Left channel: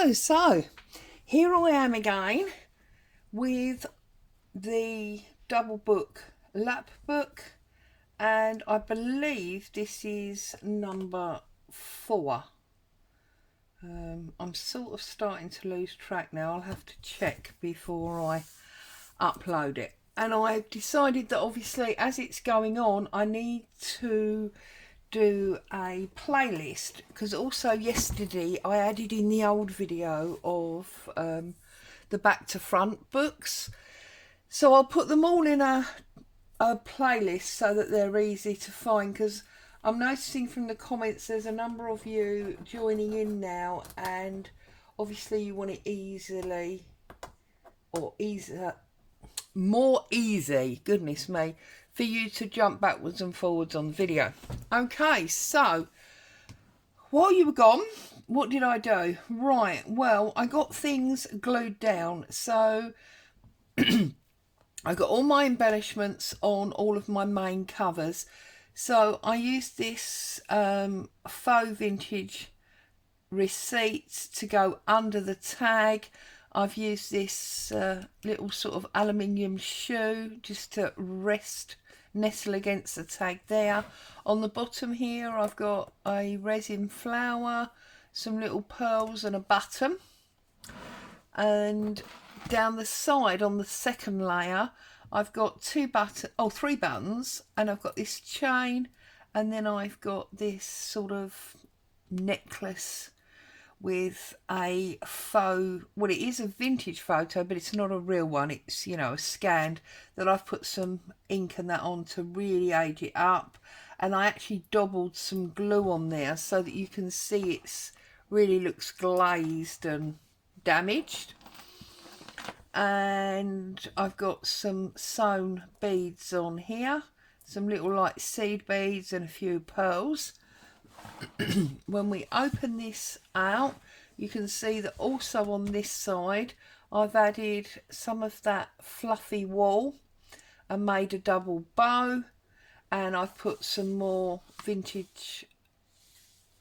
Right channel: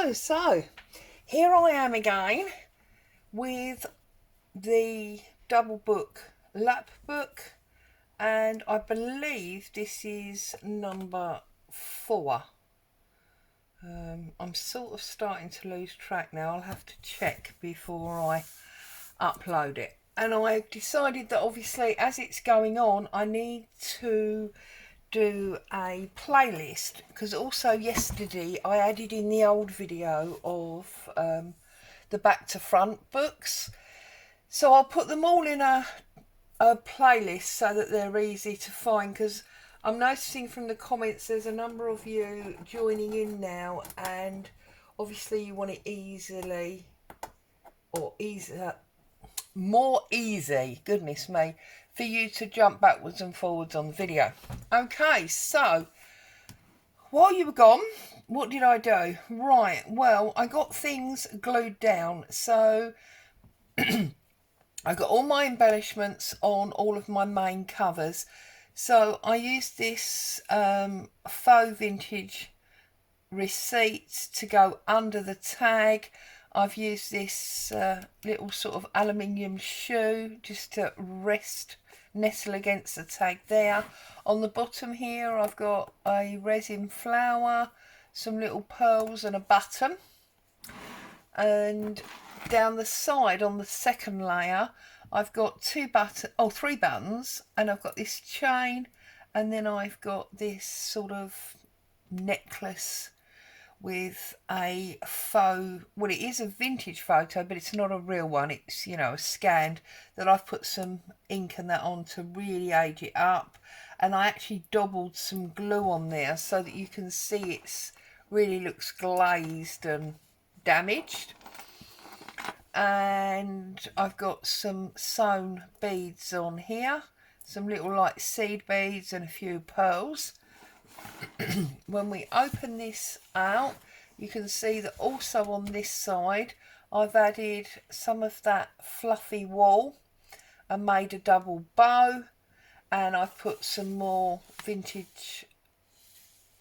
Hello, so here I am again with the double book lap book, and I believe this is number 4. I'm sort of starting to lose track now. I'll have to check before I upload it. And I decided that obviously as it's going on I need to do a playlist, because also yesterday I added in the old video of the back to front books, so I'll put them all in a playlist so that they're easy to find, because I'm noticing from the comments there's a number of you joining in now, and obviously you want it easily or easier, more easy, goodness me, for you to jump backwards and forwards on the video. Okay, so while you were gone, what did I do? Right, well, I got things glued down. So I got all my embellishments on all of my main covers. So I used this faux vintage receipt to go under the tag. I've used this little sort of aluminium shoe just to nestle against the tag there. On the bottom here I've got a resin flower, some little pearls and a button. And down the side on the second layer I've got 3 buttons, and I've got this chain, and then I've got this sort of necklace with a faux, well, it is a vintage photo, but it's not a real one. It's, you know, scanned, that I've put some ink and that on to really age it up. And I actually doubled some glue on there so that you can see it's really looks glazed and damaged. And I've got some sewn beads on here, some little like seed beads and a few pearls. When we open this out, you can see that also on this side I've added some of that fluffy wool and made a double bow, and I've put some more vintage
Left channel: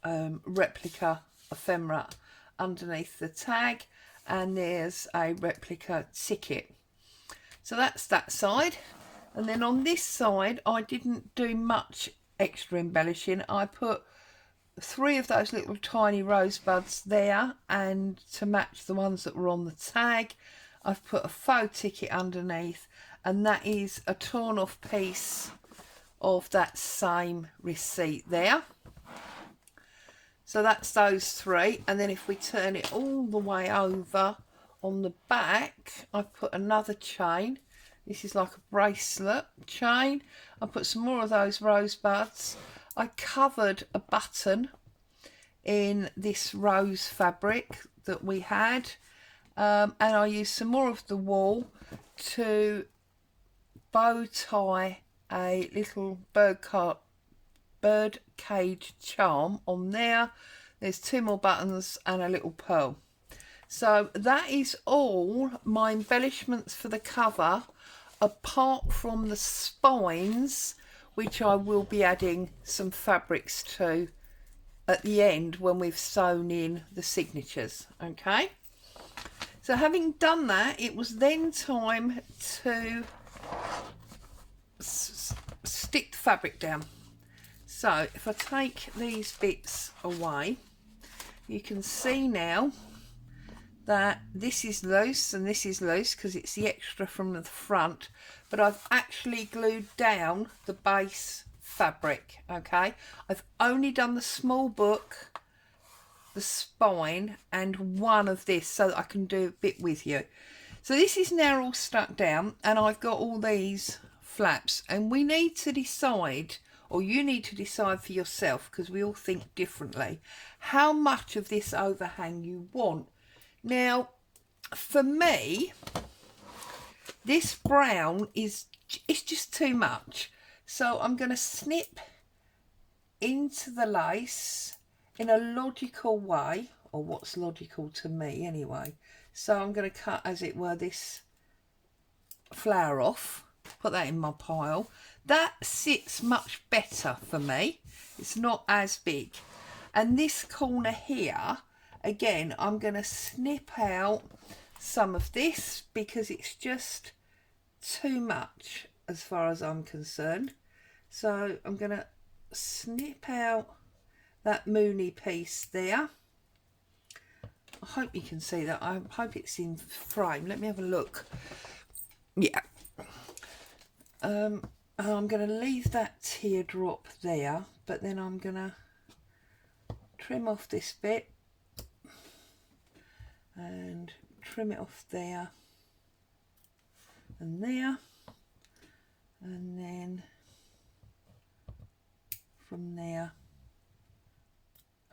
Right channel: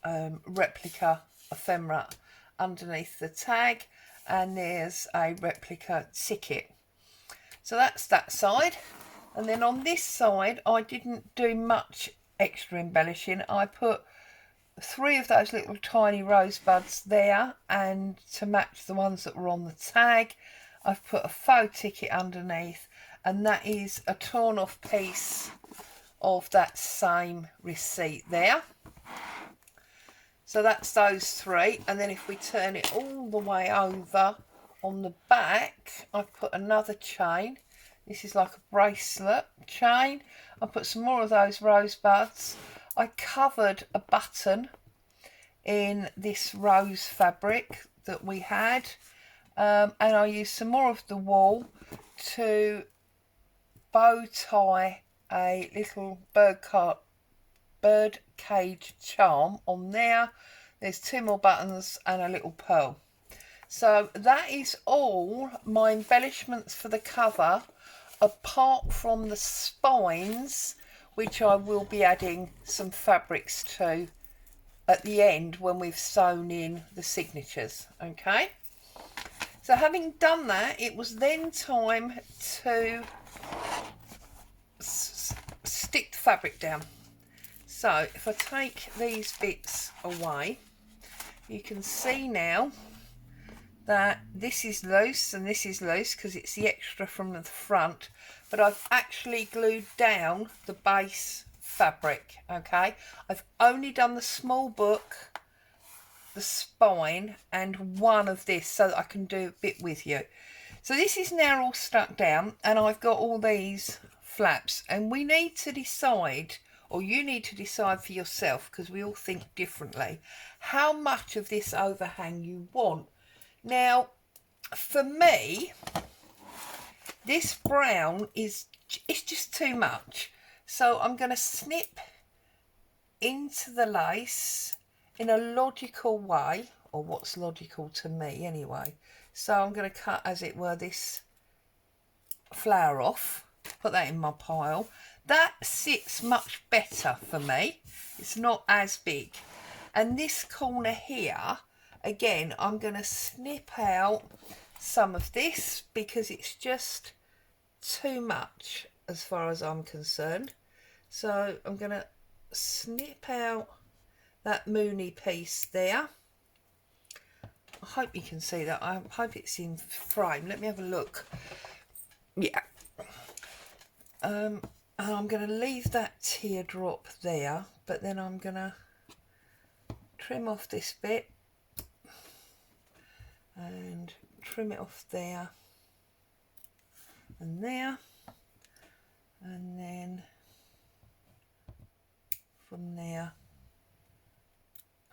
replica ephemera underneath the tag, and there's a replica ticket. So that's that side. And then on this side I didn't do much extra embellishing. I put 3 of those little tiny rosebuds there, and to match the ones that were on the tag I've put a faux ticket underneath, and that is a torn off piece of that same receipt there. So that's those 3. And then if we turn it all the way over, on the back I've put another chain. This is like a bracelet chain. I put some more of those rosebuds. I covered a button in this rose fabric that we had, and I used some more of the wool to bow tie a little bird cage charm on there. There's 2 more buttons and a little pearl. So that is all my embellishments for the cover, apart from the spines, which I will be adding some fabrics to at the end when we've sewn in the signatures. Okay, so having done that, it was then time to stick the fabric down. So if I take these bits away, you can see now that this is loose and this is loose because it's the extra from the front, but I've actually glued down the base fabric. Okay, I've only done the small book, the spine, and one of this so that I can do a bit with you. So this is now all stuck down, and I've got all these flaps, and we need to decide, or you need to decide for yourself, because we all think differently, how much of this overhang you want. Now for me, this brown it's just too much, so I'm going to snip into the lace in a logical way, or what's logical to me anyway. So I'm going to cut, as it were, this flower off, put that in my pile. That sits much better for me. It's not as big. And this corner here, again, I'm going to snip out some of this because it's just too much as far as I'm concerned. So I'm going to snip out that moony piece there. I hope you can see that. I hope it's in frame. Let me have a look. Yeah. And I'm going to leave that teardrop there, but then I'm going to trim off this bit and trim it off there and there, and then from there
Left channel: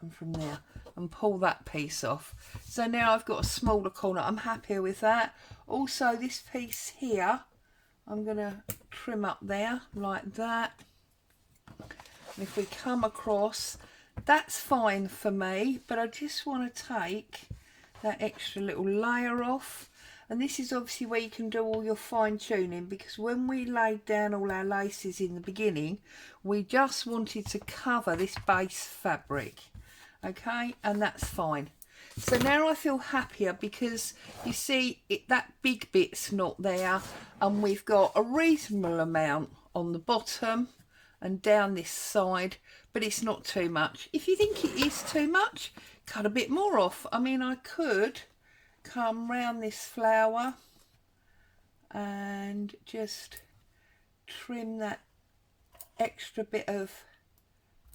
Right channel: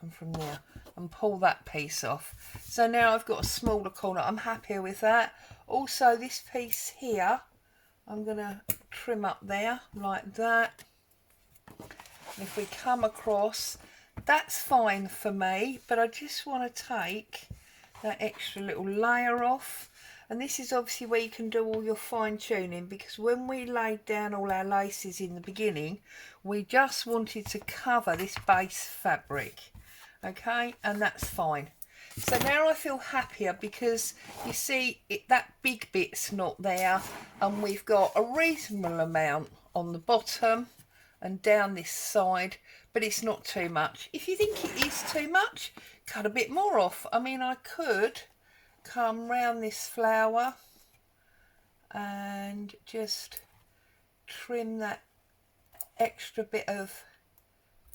and from there, and pull that piece off. So now I've got a smaller corner. I'm happy with that. Also, this piece here, I'm going to trim up there like that. And if we come across, that's fine for me, but I just want to take that extra little layer off. And this is obviously where you can do all your fine tuning, because when we laid down all our laces in the beginning, we just wanted to cover this base fabric. Okay, and that's fine. So now I feel happier because you see that big bit's not there, and we've got a reasonable amount on the bottom and down this side, but it's not too much. If you think it is too much, cut a bit more off. I mean, I could come round this flower and just trim that extra bit of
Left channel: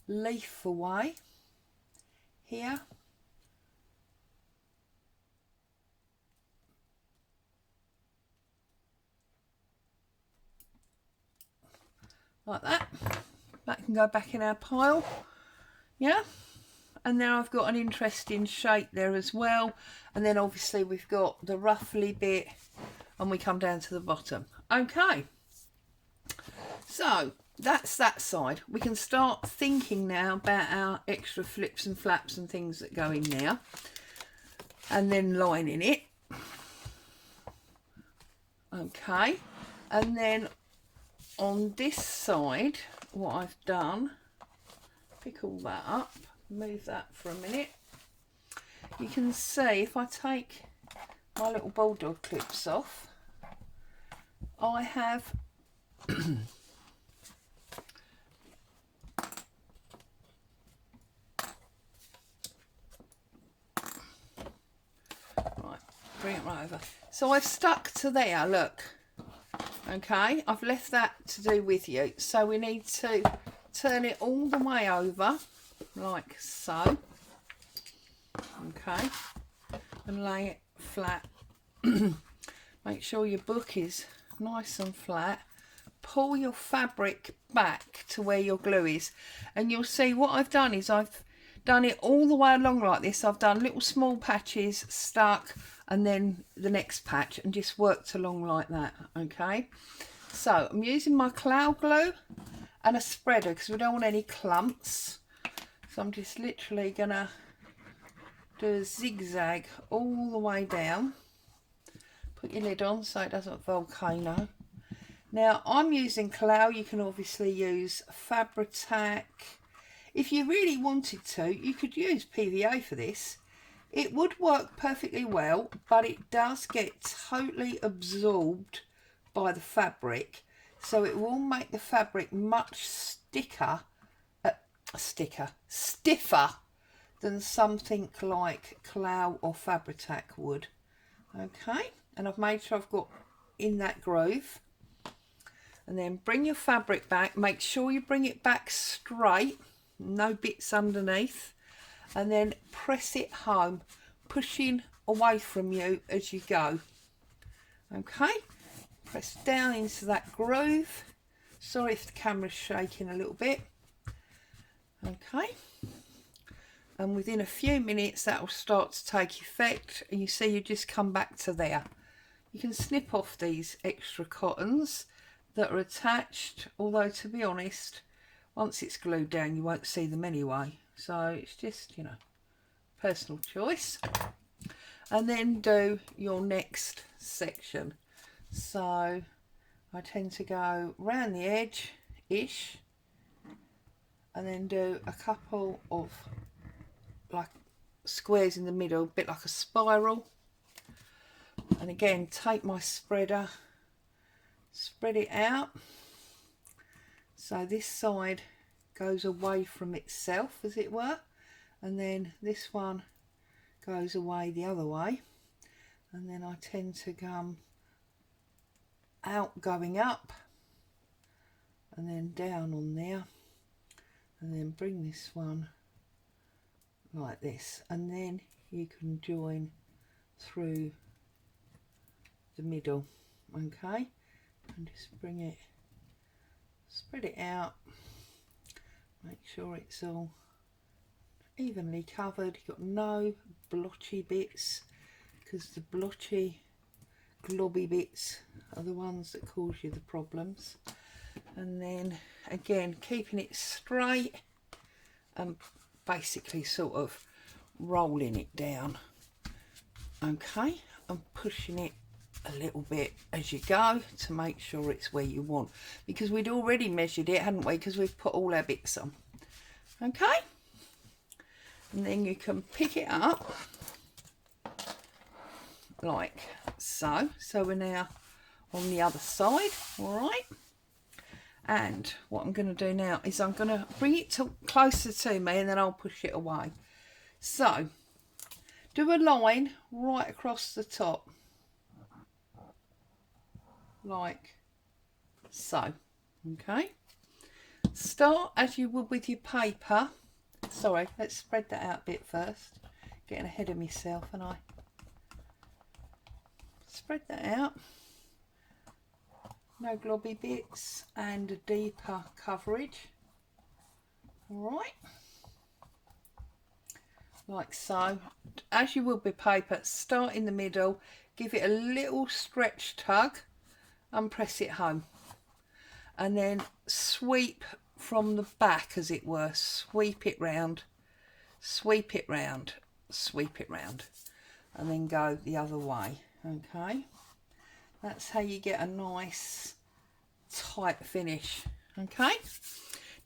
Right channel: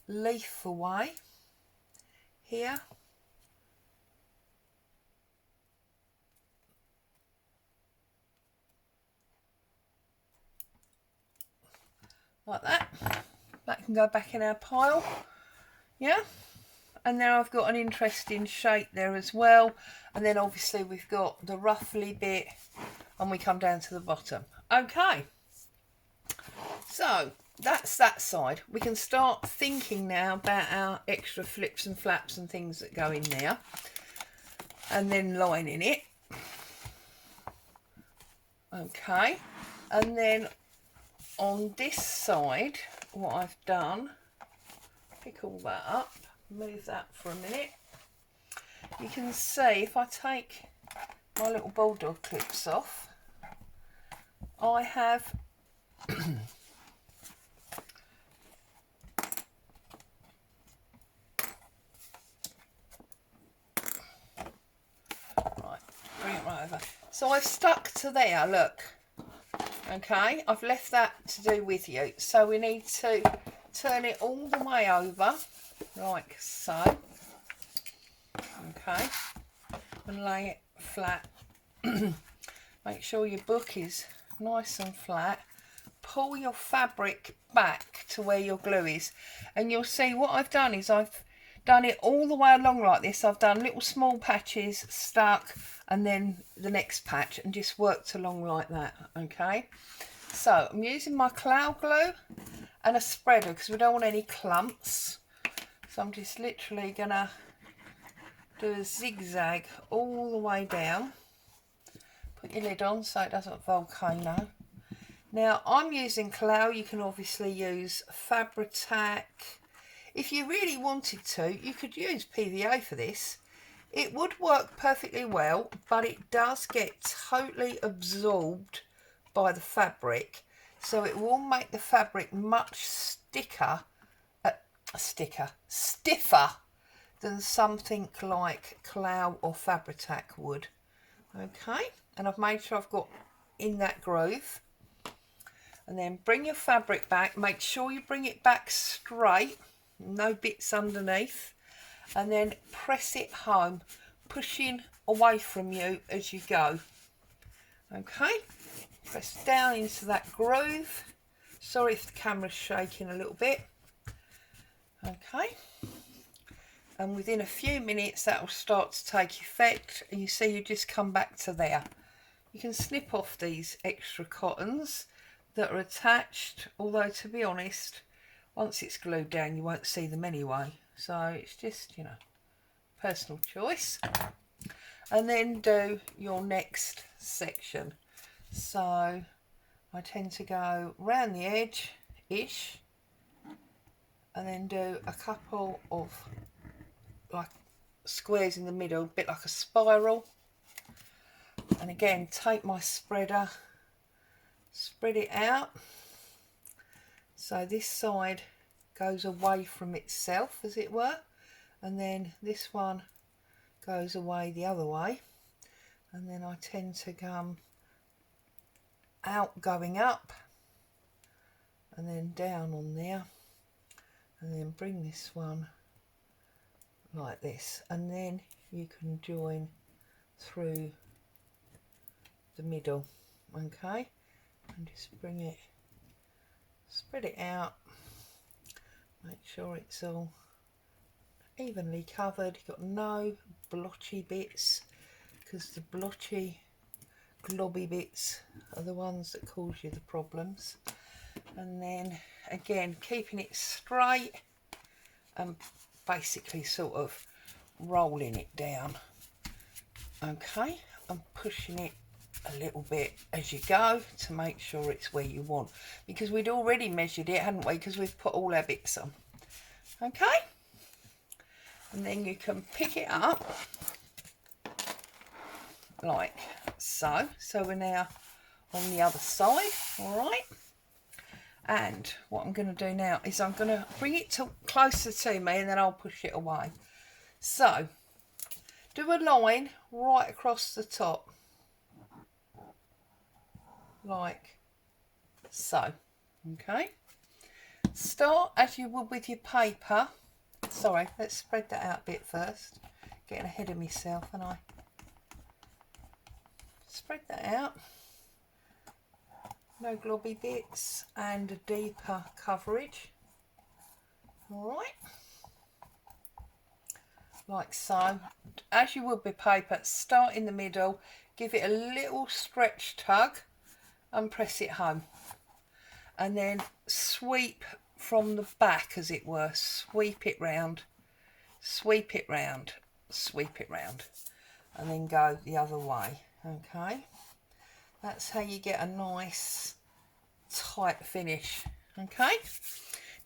leaf away here. Like that. That can go back in our pile. Yeah. And now I've got an interesting shape there as well. And then obviously we've got the ruffly bit and we come down to the bottom. Okay. So that's that side. We can start thinking now about our extra flips and flaps and things that go in there. And then lining it. Okay. And then on this side, what I've done, pick all that up, move that for a minute. You can see if I take my little bulldog clips off, I have right, bring it right over. So I've stuck to there, look. Okay, I've left that to do with you. So we need to turn it all the way over, like so. Okay, and lay it flat. Make sure your book is nice and flat. Pull your fabric back to where your glue is, and you'll see what I've done is I've done it all the way along like this. I've done little small patches stuck, and then the next patch, and just worked along like that. Okay, so I'm using my cloud glue and a spreader because we don't want any clumps. So I'm just literally gonna do a zigzag all the way down. Put your lid on so it doesn't volcano. Now I'm using cloud. You can obviously use Fabri-Tac. If you really wanted to, you could use PVA for this. It would work perfectly well, but it does get totally absorbed by the fabric, so it will make the fabric much stiffer than something like cloud or Fabri-Tac would. Okay, and I've made sure I've got in that groove. And then bring your fabric back. Make sure you bring it back straight, no bits underneath, and then press it home, pushing away from you as you go. Okay, press down into that groove. Sorry if the camera's shaking a little bit. Okay, and within a few minutes that will start to take effect, and you see you just come back to there. You can snip off these extra cottons that are attached, although to be honest, once it's glued down you won't see them anyway, so it's just, you know, personal choice. And then do your next section. So I tend to go round the edge ish and then do a couple of like squares in the middle, a bit like a spiral. And again, take my spreader, spread it out so this side goes away from itself, as it were, and then this one goes away the other way, and then I tend to come out going up and then down on there, and then bring this one like this, and then you can join through the middle. Okay, and just bring it, spread it out, make sure it's all evenly covered. You've got no blotchy bits, because the blotchy globby bits are the ones that cause you the problems. And then again, keeping it straight and basically sort of rolling it down. Okay, and pushing it a little bit as you go to make sure it's where you want, because we'd already measured it, hadn't we, because we've put all our bits on. Okay, and then you can pick it up like so. So we're now on the other side. All right, and what I'm going to do now is I'm going to bring it closer to me, and then I'll push it away. So do a line right across the top like so. Okay, start as you would with your paper. Sorry, let's spread that out a bit first, getting ahead of myself, and I spread that out, no globby bits, and a deeper coverage. All right, like so, as you would with paper. Start in the middle, give it a little stretch tug and press it home, and then sweep from the back, as it were. Sweep it round, sweep it round, sweep it round, and then go the other way. Okay, that's how you get a nice tight finish. Okay,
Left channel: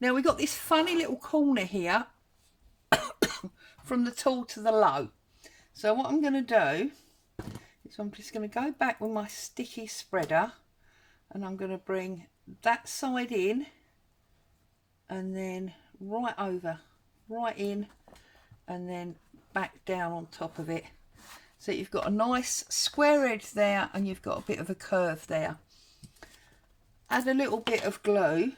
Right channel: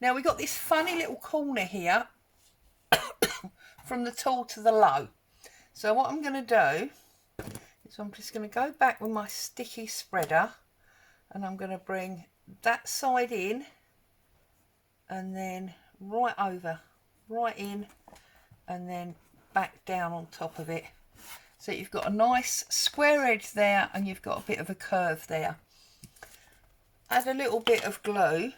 now we've got this funny little corner here from the tall to the low. So what I'm going to do is I'm just going to go back with my sticky spreader, and I'm going to bring that side in, and then right over, right in, and then back down on top of it. So you've got a nice square edge there, and you've got a bit of a curve there. Add a little bit of glue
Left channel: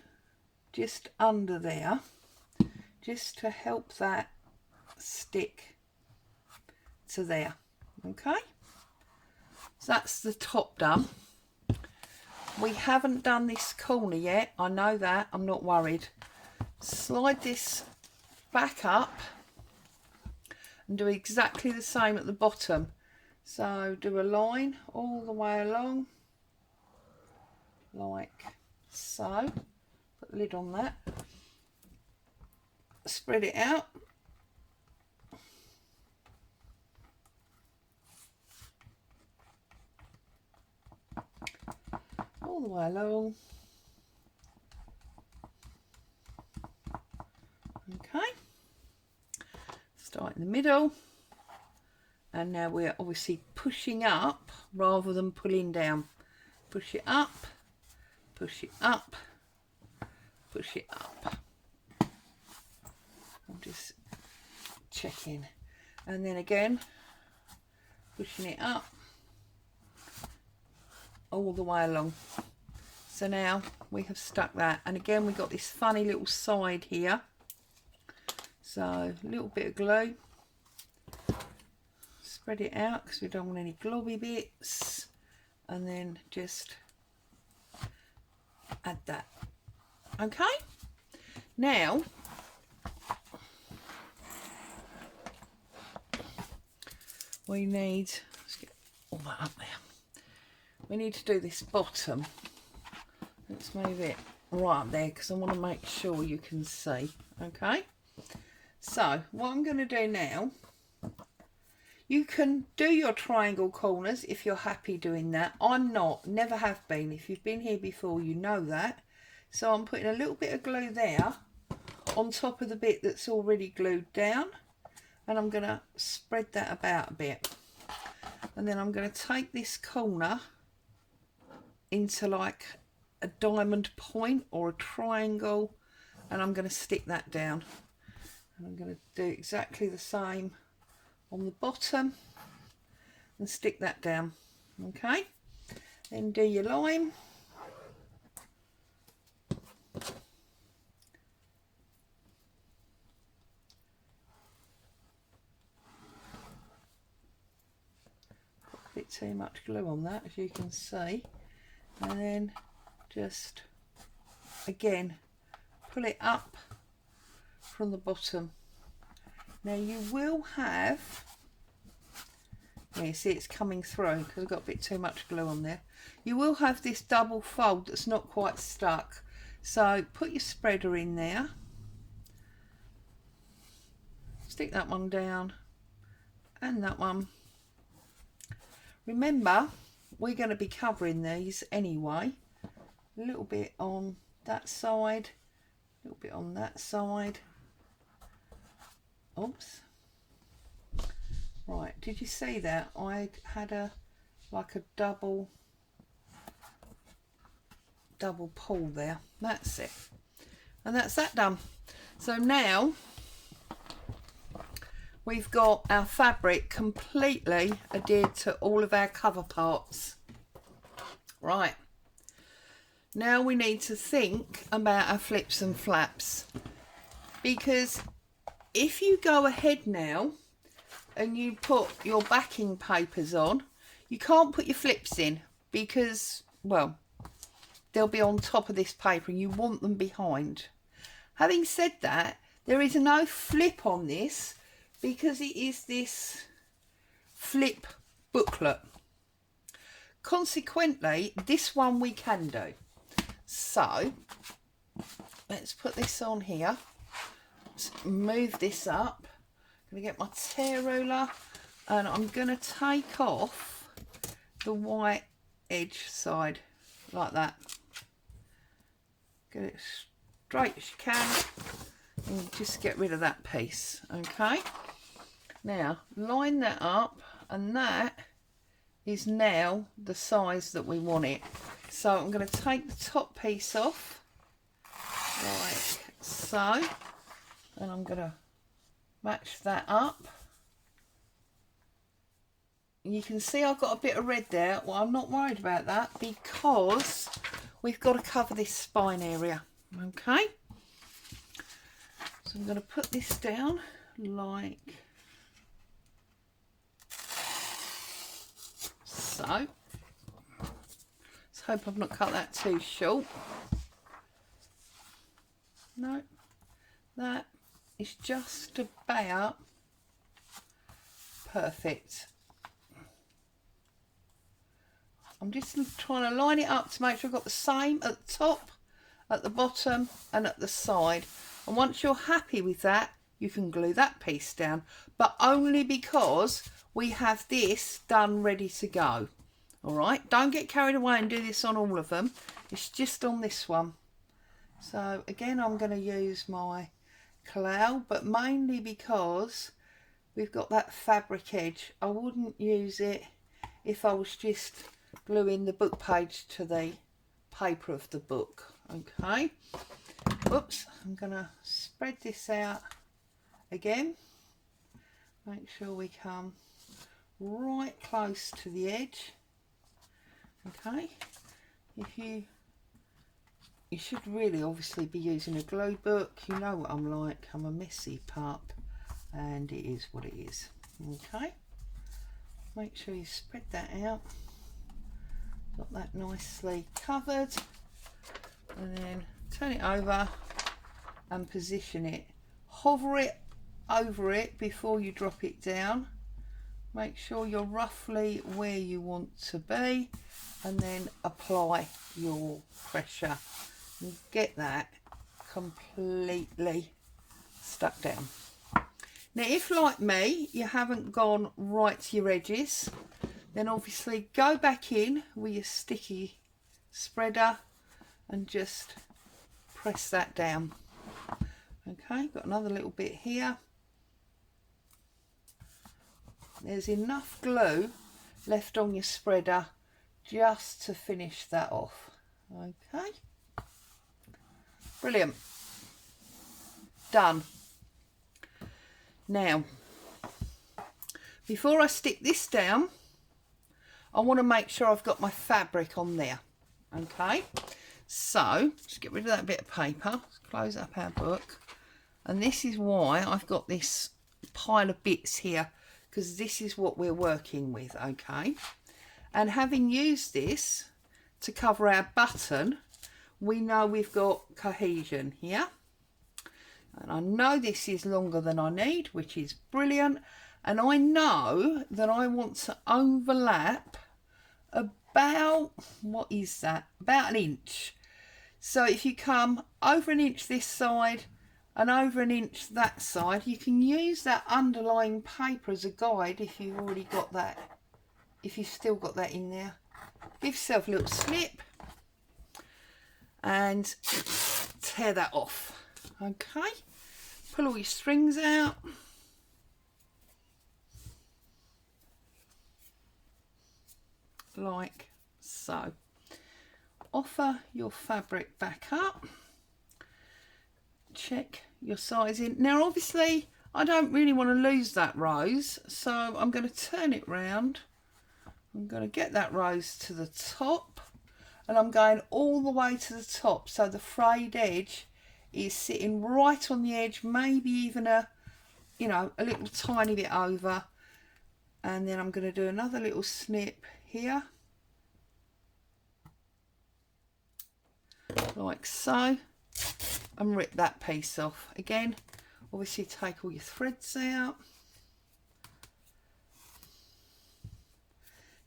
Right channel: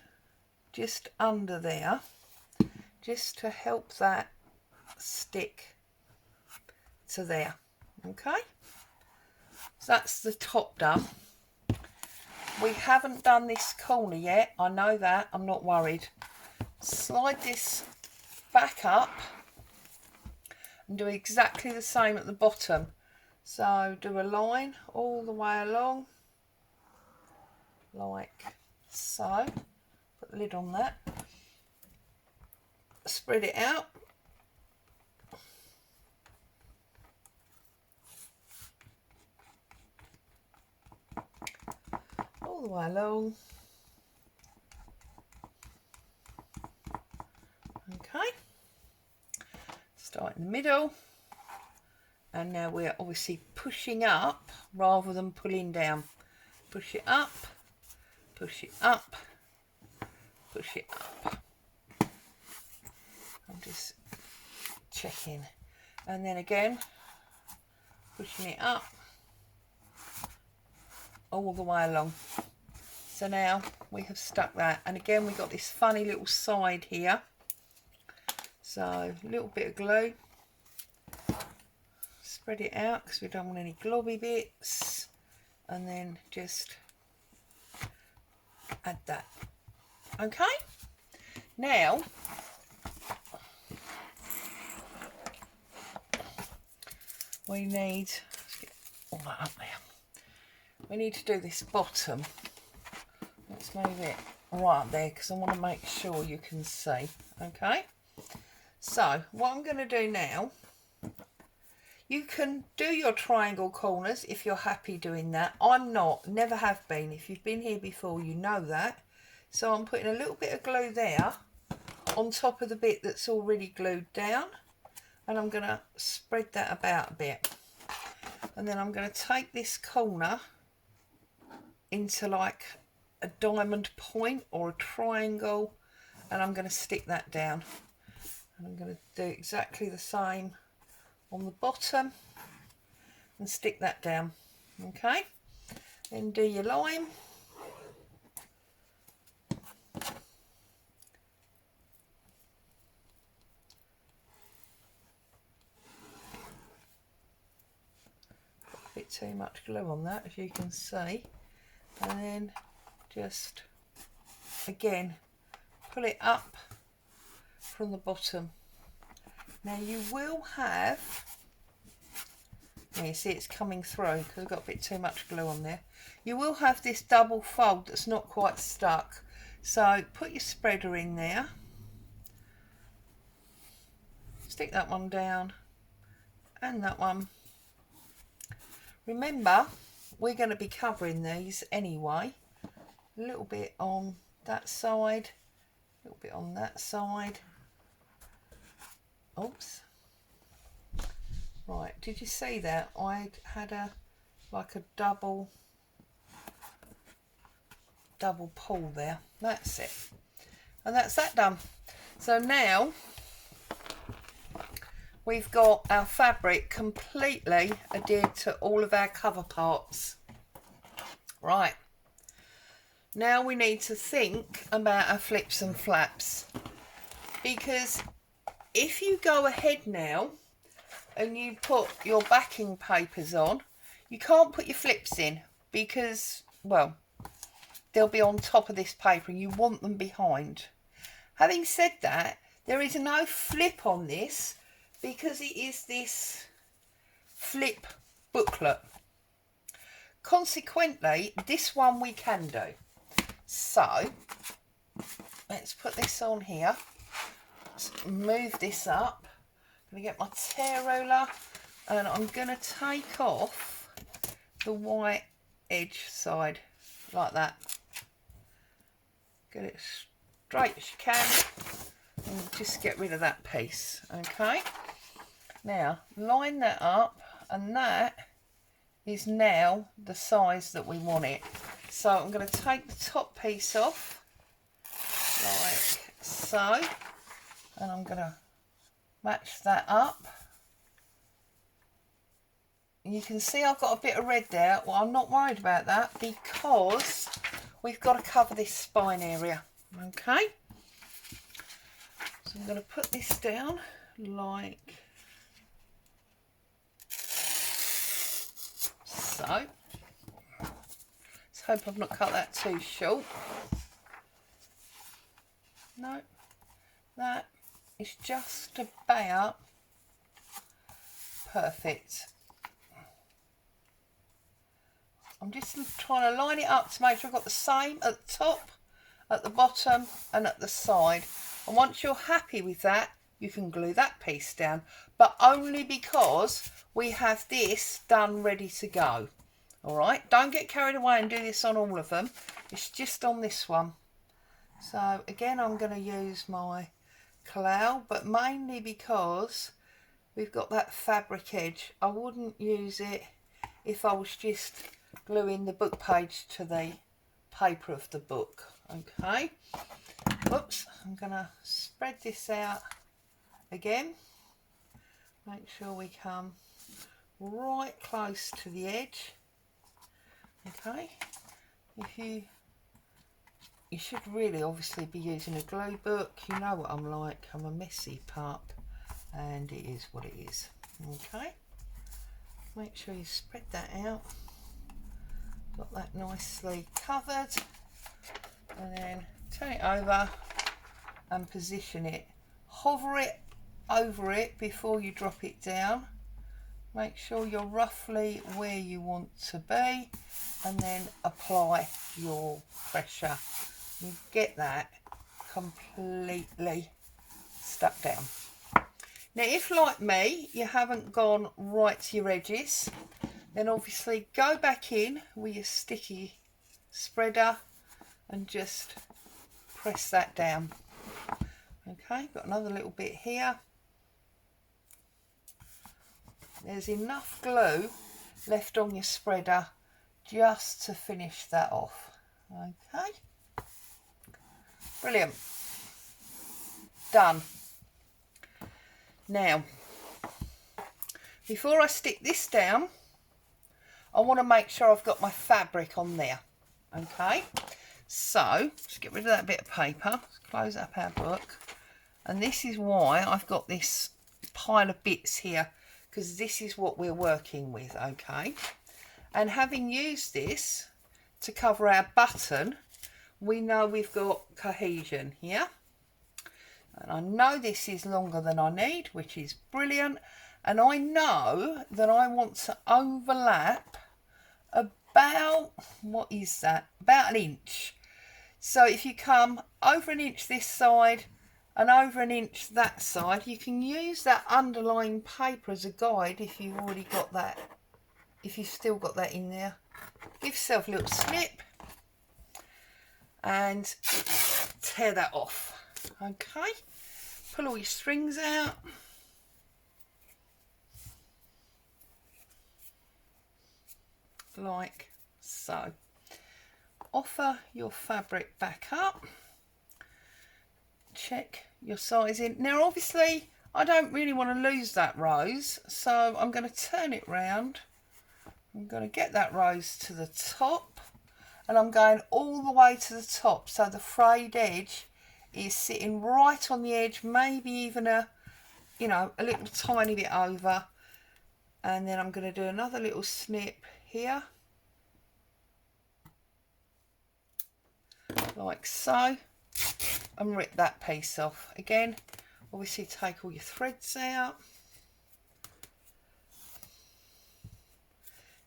just under there, just to help that stick to there. Okay, so that's the top done. We haven't done this corner yet, I know that, I'm not worried. Slide this back up and do exactly the same at the bottom. So do a line all the way along like so. Put the lid on that, spread it out, all the way along. Okay, start in the middle, and now we're obviously pushing up rather than pulling down. Push it up, push it up, push it up. I'm just checking, and then again pushing it up all the way along. So now we have stuck that, and again we've got this funny little side here, so a little bit of glue, spread it out because we don't want any globby bits, and then just add that. Okay, now we need, let's get all that up there, we need to do this bottom. Let's move it right up there because I want to make sure you can see. Okay, so what I'm going to do now, you can do your triangle corners if you're happy doing that. I'm not, never have been. If you've been here before, you know that. So I'm putting a little bit of glue there on top of the bit that's already glued down. and I'm going to spread that about a bit, and then I'm going to take this corner into like a diamond point or a triangle, and I'm going to stick that down, and I'm going to do exactly the same on the bottom and stick that down. Okay, then do your line. A bit too much glue on that, as you can see, and then just again pull it up from the bottom. Now you will have, you see it's coming through because I've got a bit too much glue on there. You will have this double fold that's not quite stuck, so put your spreader in there, stick that one down and that one. Remember, we're going to be covering these anyway, a little bit on that side, a little bit on that side. Oops. Right, did you see that? I had a double pull there. That's it. And that's that done. So now we've got our fabric completely adhered to all of our cover parts. Right. Now we need to think about our flips and flaps, because if you go ahead now and you put your backing papers on, you can't put your flips in because, well, they'll be on top of this paper and you want them behind. Having said that, there is no flip on this because it is this flip booklet. Consequently, this one we can do. So let's put this on here. Let's move this up. I'm going to get my tear ruler and I'm going to take off the white edge side like that. Get it straight as you can and just get rid of that piece. Okay, now line that up, and that is now the size that we want it. So I'm going to take the top piece off like so, and I'm going to match that up. You can see I've got a bit of red there. Well, I'm not worried about that because we've got to cover this spine area. Okay, so I'm going to put this down like so. Let's hope I've not cut that too short. No, that is just about perfect. I'm just trying to line it up to make sure I've got the same at the top, at the bottom and at the side. And once you're happy with that, you can glue that piece down, but only because we have this done ready to go. All right, don't get carried away and do this on all of them. It's just on this one. So again, I'm going to use my cloud, but mainly because we've got that fabric edge. I wouldn't use it if I was just gluing the book page to the paper of the book. Okay, whoops, I'm going to spread this out again. Make sure we come right close to the edge. Okay, you should really obviously be using a glue book. You know what I'm like, I'm a messy pup, and it is what it is. Okay, make sure you spread that out, got that nicely covered, and then turn it over and position it. Hover it over it before you drop it down. Make sure you're roughly where you want to be, and then apply your pressure. You get that completely stuck down. Now, if like me, you haven't gone right to your edges, then obviously go back in with your sticky spreader and just press that down. Okay, got another little bit here. there's enough glue left on your spreader just to finish that off. Okay, brilliant, done. Now, before I stick this down, I want to make sure I've got my fabric on there. Okay, so just get rid of that bit of paper. Let's close up our book. And this is why I've got this pile of bits here, because this is what we're working with. Okay, and having used this to cover our button, we know we've got cohesion here. And I know this is longer than I need, which is brilliant. And I know that I want to overlap about, what is that? About an inch. So if you come over an inch this side and over an inch that side, you can use that underlying paper as a guide if you've already got that, if you've still got that in there. Give yourself a little snip and tear that off. Okay, pull all your strings out. Like so. Offer your fabric back up. Check your sizing. Now obviously I don't really want to lose that rose, so I'm going to turn it round. I'm going to get that rose to the top, and I'm going all the way to the top, so the frayed edge is sitting right on the edge, maybe even a little tiny bit over. And then I'm going to do another little snip here, like so, and rip that piece off. Again, obviously take all your threads out.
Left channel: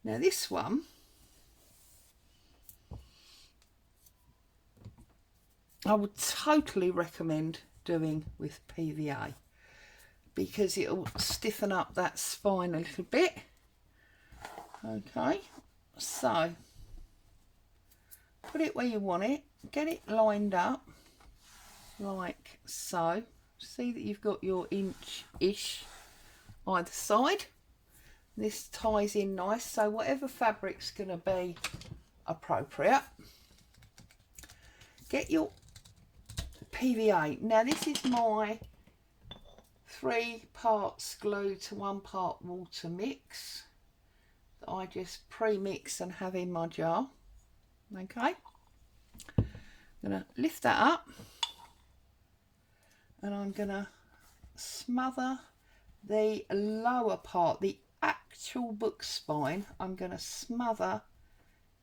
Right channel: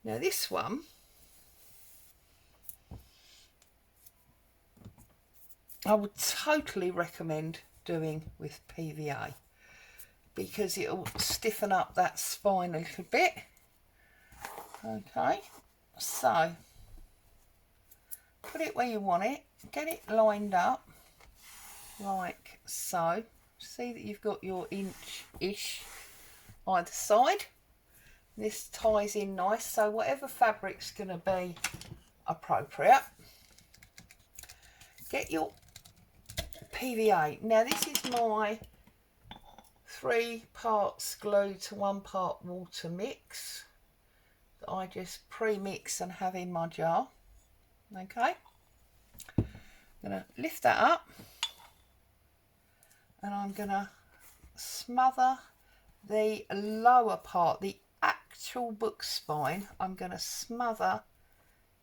Now this one, I would totally recommend doing with PVA, because it'll stiffen up that spine a little bit. Okay, so put it where you want it, get it lined up like so. See that you've got your inch-ish either side. This ties in nice, so whatever fabric's going to be appropriate. Get your PVA. Now this is my 3 parts glue to 1 part water mix that I just pre-mix and have in my jar. Okay, I'm going to lift that up, and I'm going to smother the lower part, the actual book spine. I'm going to smother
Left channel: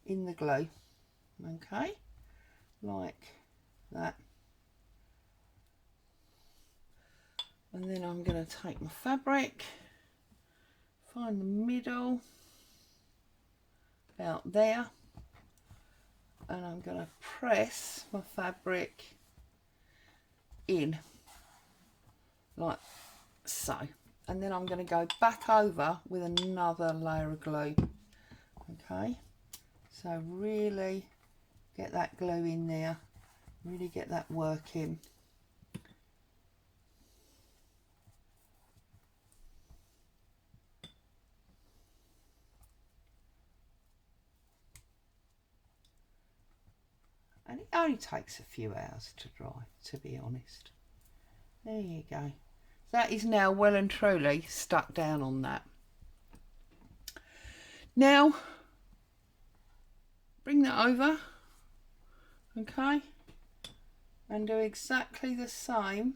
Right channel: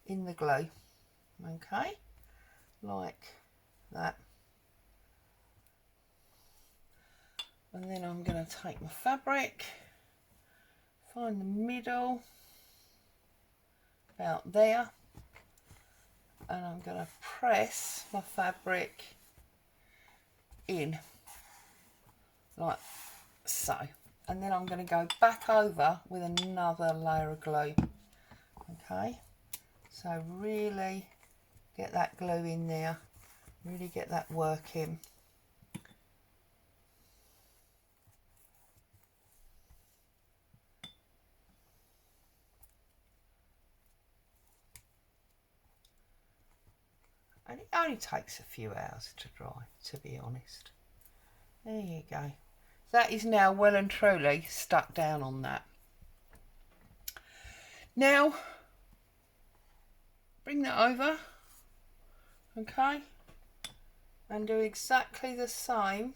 in the glue. Okay, like that. And then I'm going to take my fabric, find the middle, about there, and I'm going to press my fabric in like so. And then I'm going to go back over with another layer of glue. Okay, so really get that glue in there, really get that working. And it only takes a few hours to dry, to be honest. There you go. That is now well and truly stuck down on that. Now, bring that over, okay, and do exactly the same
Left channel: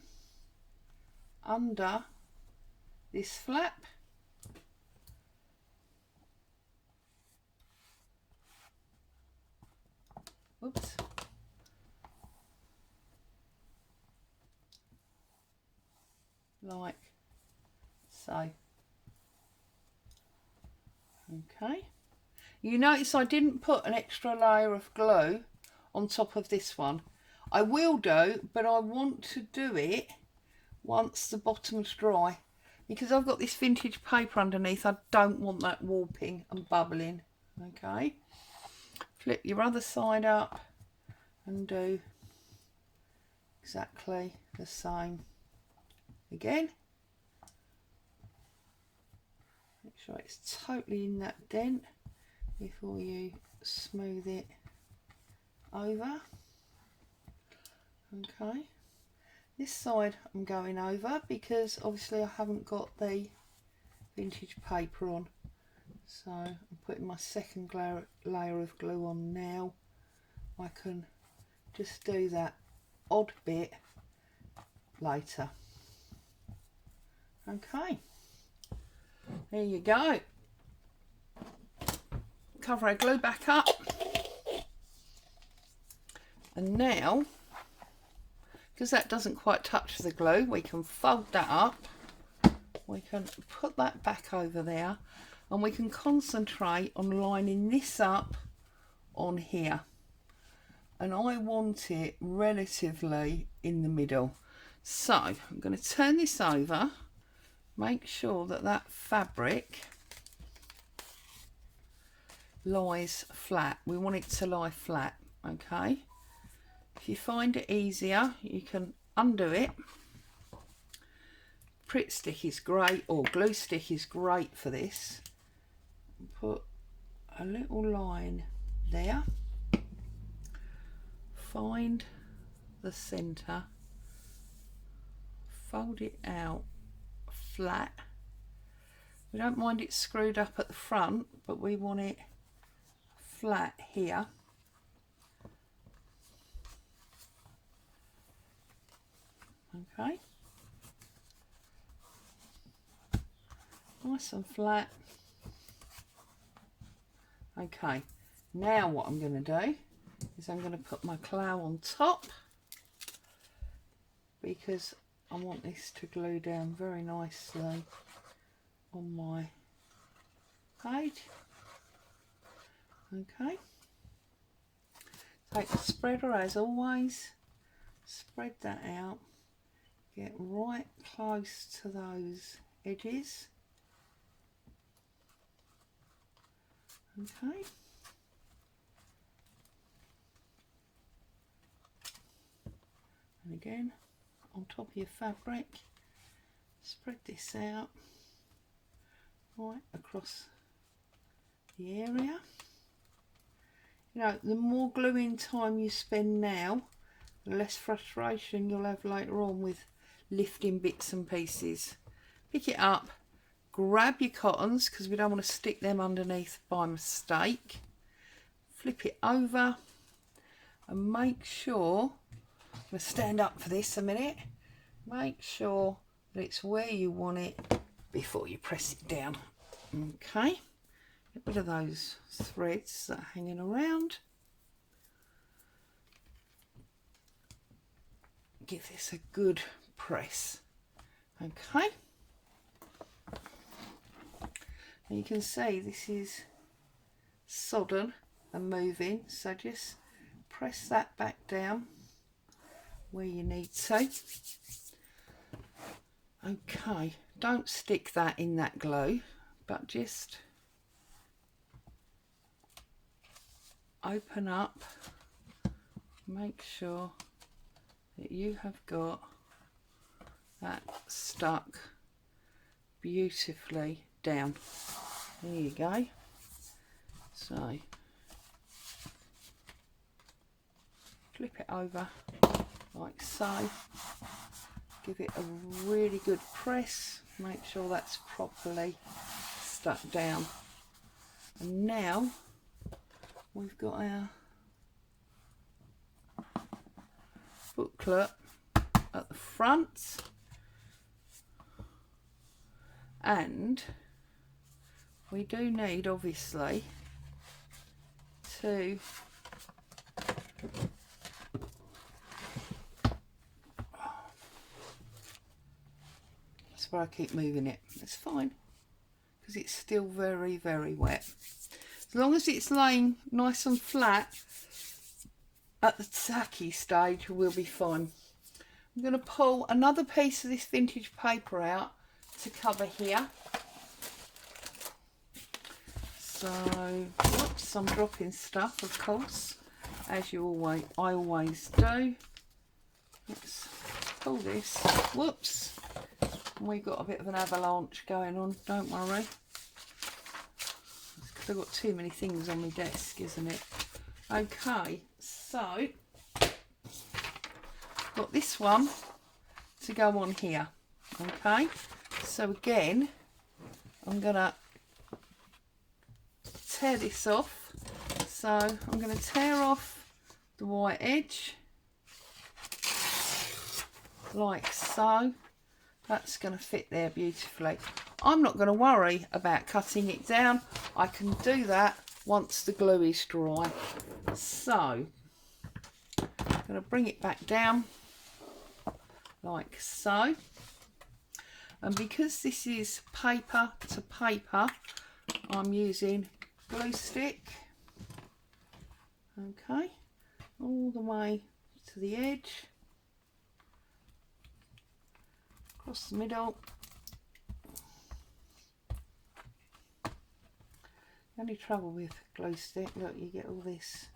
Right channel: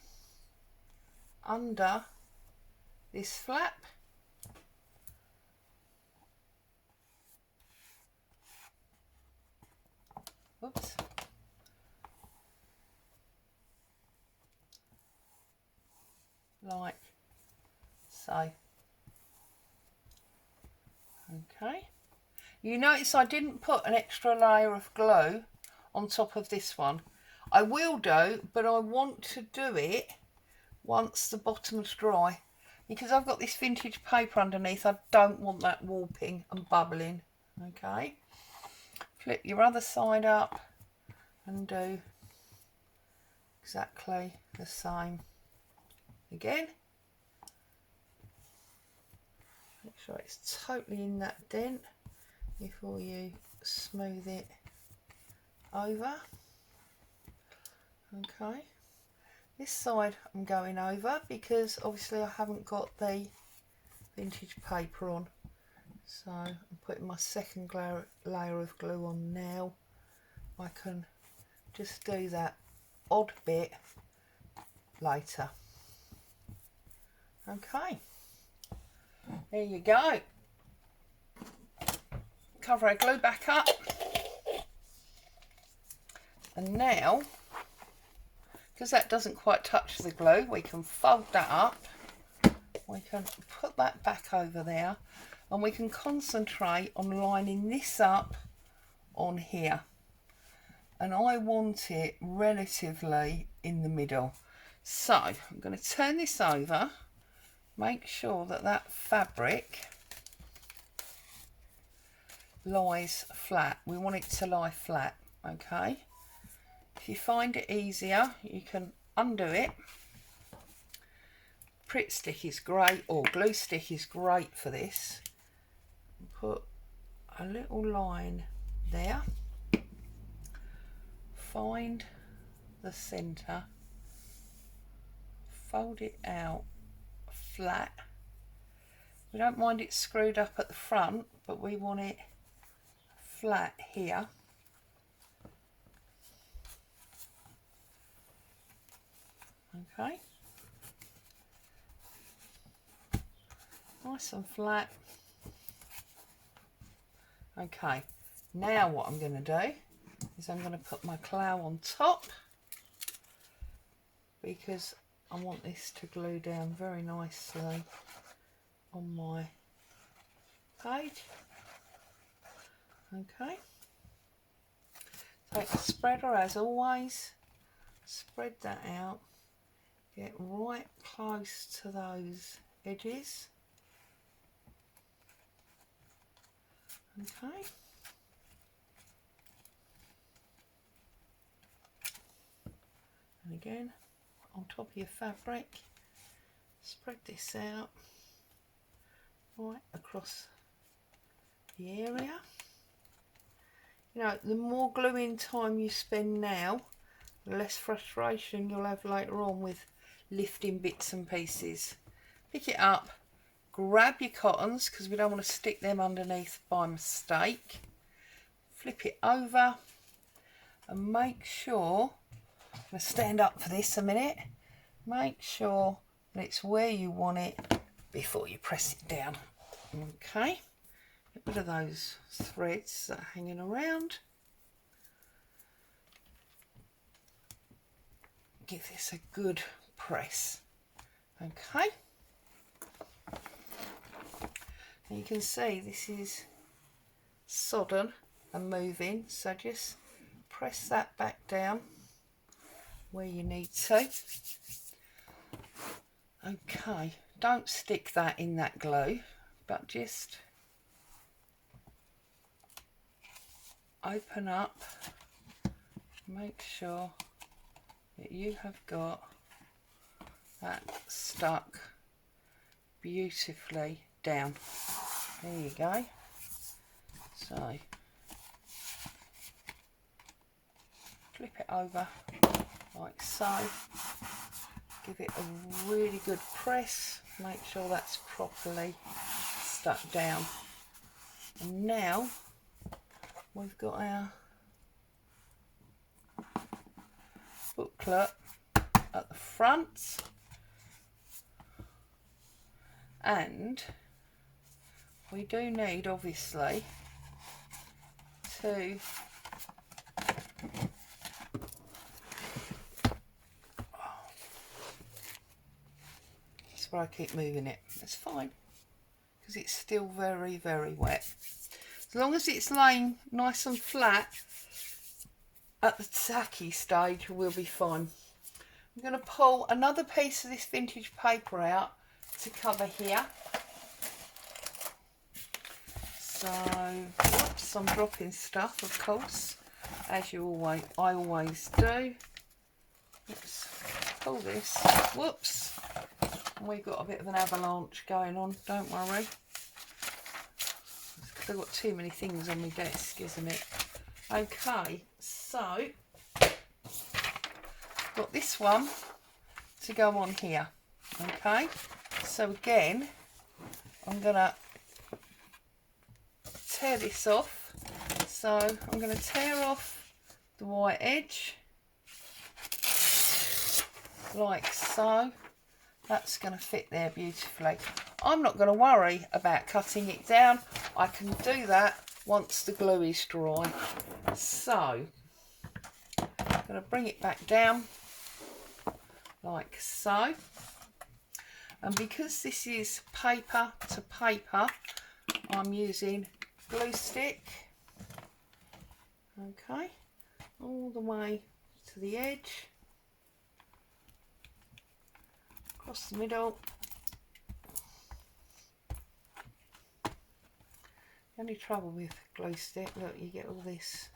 under this flap. Oops. Like so. Okay, you notice I didn't put an extra layer of glue on top of this one. I will do, but I want to do it once the bottom's dry, because I've got this vintage paper underneath. I don't want that warping and bubbling. Okay, flip your other side up and do exactly the same again. Make sure it's totally in that dent before you smooth it over. Okay, this side I'm going over because obviously I haven't got the vintage paper on, so I'm putting my second layer of glue on now. I can just do that odd bit later. Okay, there you go. Cover our glue back up, and now, because that doesn't quite touch the glue, we can fold that up, we can put that back over there, and we can concentrate on lining this up on here. And I want it relatively in the middle. So I'm going to turn this over, make sure that that fabric lies flat. We want it to lie flat, okay? If you find it easier, you can undo it. Pritt stick is great, or glue stick is great for this. Put a little line there. Find the centre, fold it out flat. We don't mind it screwed up at the front, but we want it flat here. Okay, nice and flat. Okay, now what I'm going to do is I'm going to put my clow on top, because I want this to glue down very nicely on my page. Okay, take the spreader as always, spread that out, get right close to those edges. Okay, and again on top of your fabric, spread this out right across the area. You know, the more gluing time you spend now, the less frustration you'll have later on with lifting bits and pieces. Pick it up, grab your cottons, because we don't want to stick them underneath by mistake. Flip it over and make sure, I'm going to stand up for this a minute, make sure that it's where you want it before you press it down. Okay, get rid of those threads that are hanging around. Give this a good press. Okay, and you can see this is sodden and moving, so just press that back down where you need to. Okay, don't stick that in that glue, but just open up, make sure that you have got that stuck beautifully down. There you go. So flip it over like so, give it a really good press, make sure that's properly stuck down. And now we've got our booklet at the front, and we do need obviously to that's why I keep moving it, it's fine because it's still very, very wet. As long as it's laying nice and flat at the tacky stage, we'll be fine. I'm going to pull another piece of this vintage paper out to cover here. So, oops, I'm dropping stuff, of course, as I always do. Let's pull this. Whoops. We've got a bit of an avalanche going on, don't worry. 'cause I've got too many things on my desk, isn't it? Okay, so got this one to go on here. Okay, so again, I'm gonna tear this off. So I'm going to tear off the white edge like so. That's going to fit there beautifully. I'm not going to worry about cutting it down. I can do that once the glue is dry. So I'm going to bring it back down like so. And because this is paper to paper, I'm using glue stick. Okay, all the way to the edge, across the middle. The only trouble with glue stick, look, you get all this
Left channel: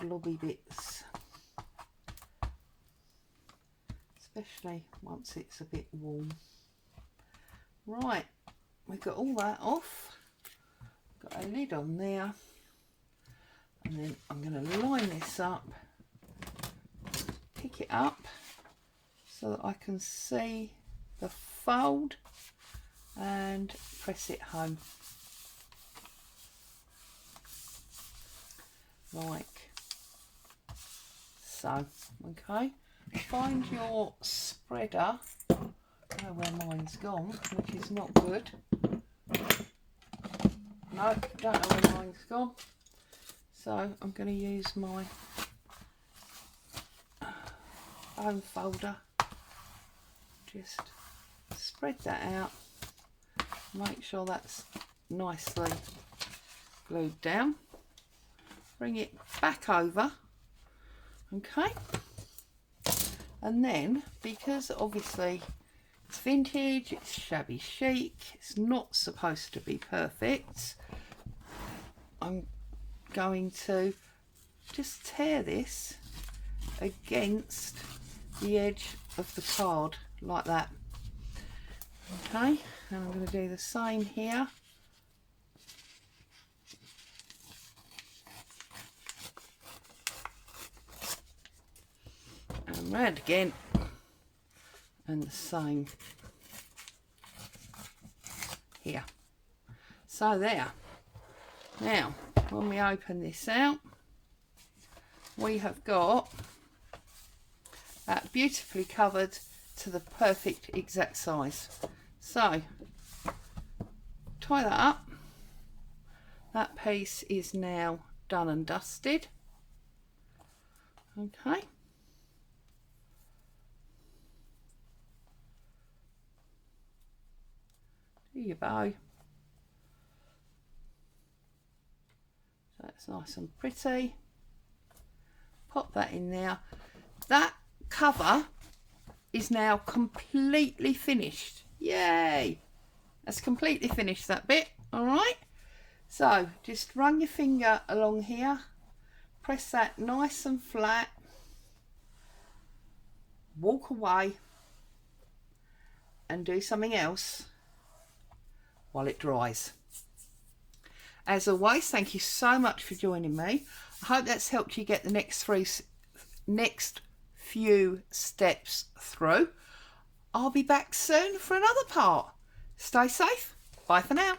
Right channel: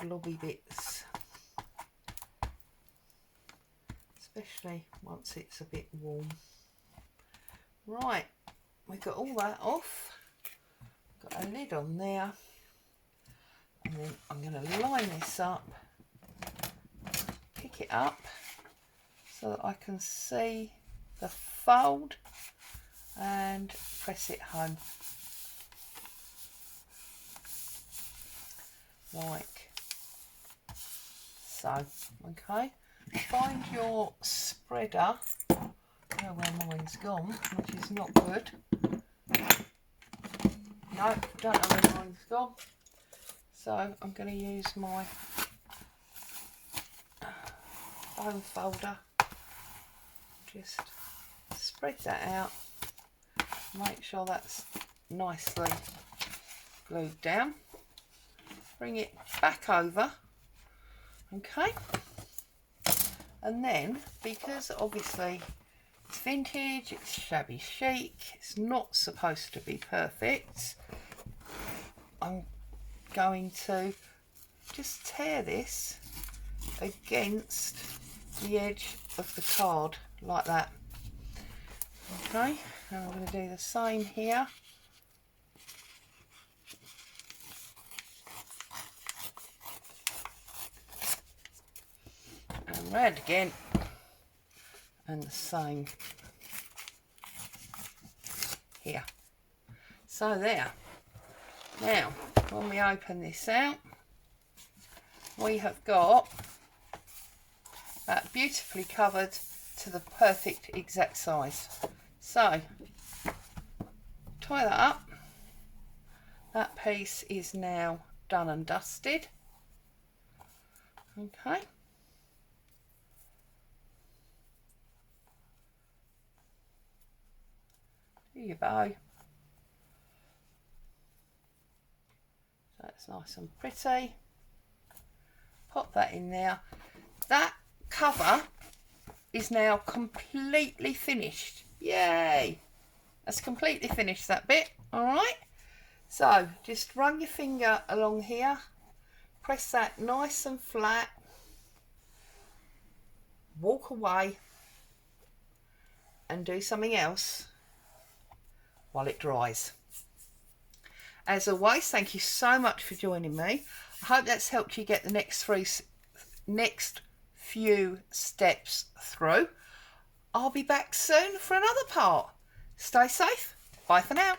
blobby bits, especially once it's a bit warm. Right, we've got all that off, got a lid on there, and then I'm going to line this up, pick it up so that I can see the fold and press it home like so. Okay, find your spreader. I don't know where mine's gone, which is not good. No, don't know where mine's gone. So I'm going to use my bone folder. Just spread that out. Make sure that's nicely glued down. Bring it back over. Okay. And then, because obviously it's vintage, it's shabby chic, it's not supposed to be perfect, I'm going to just tear this against the edge of the card like that. Okay, and I'm going to do the same here. And round again, and the same here. So there. Now, when we open this out, we have got that beautifully covered to the perfect exact size. So, tie that up. That piece is now done and dusted. Okay. Do your bow. That's nice and pretty. Pop that in there. That cover is now completely finished. Yay! That's completely finished, that bit. Alright, so just run your finger along here, press that nice and flat, walk away and do something else while it dries. As always, thank you so much for joining me. I hope that's helped you get the next few steps through. I'll be back soon for another part. Stay safe. Bye for now.